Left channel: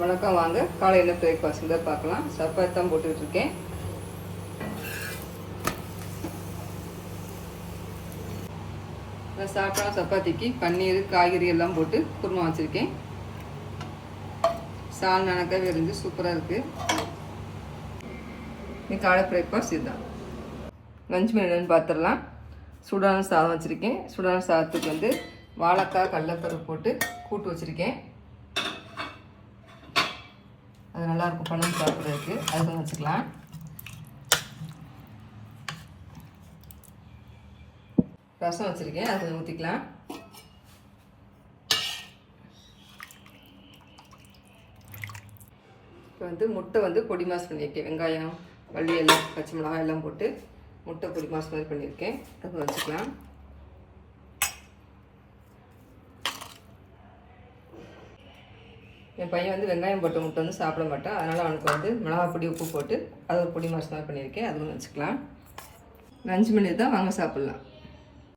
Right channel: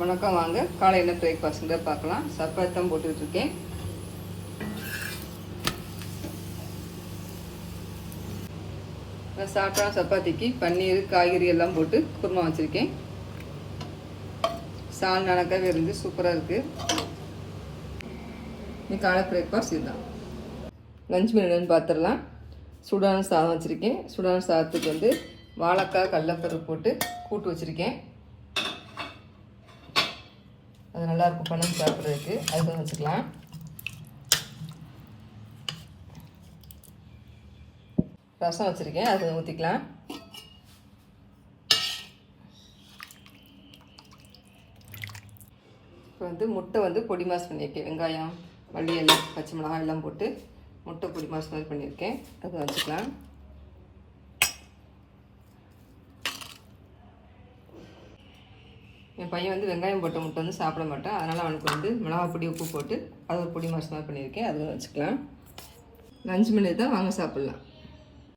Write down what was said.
வணக்கம், வாங்க காலையில் பிரேக்ஃபாஸ்ட் பார்க்கலாம். சப்பாத்தி தான் போட்டுக்கிட்டு இருக்கேன். சாப்பிட்டா சப்பாத்திக்கு பன்னீர் காய்கறி எல்லாம் போட்டு குருமா வச்சுருக்கேன். சால் நனக்காவே இருந்து சூப்பராக இருக்குது. இன்னைக்கு காலை பிரேக்ஃபாஸ்ட் இதுதான். லஞ்ச் மெனுன்னு பார்த்துடலாம். சூடான சாதம் வச்சுருக்கேன். சூடான சாதத்துக்கு வாழைக்காய் கடலைப்பருப்பு போட்டு கூட்டு வச்சுருக்கேன். அது நல்லாயிருக்கும் பழம் சாப்பிட்றதுக்கு. அது கொஞ்சம் வச்சுக்கலாம். ரசம் வச்சுருக்கேன், அது கொஞ்சம் ஊற்றிக்கலாம். இப்போ முட்டை பொடி மாஸ் பண்ணியிருக்கேன். வெங்காயம், மல்லி எல்லாம், பச்சை மிளகாய் எல்லாம் போட்டு முட்டை பொடி மாஸ் மாதிரி பண்ணியிருக்கேன். அது வச்சுக்கலாம். என் பையன் வெங்காயம் போட்ட முட்டை சாப்பிட மாட்டான். அதனால் அவனுக்கு மிளகாய் பொடி உப்பு போட்டு அது ஒரு பொடி மாஸ் மாதிரி பண்ணியிருக்கேன். அதுவும் வச்சுக்கலாம். லஞ்ச் மெனு தான், வாங்க சாப்பிட்லாம்.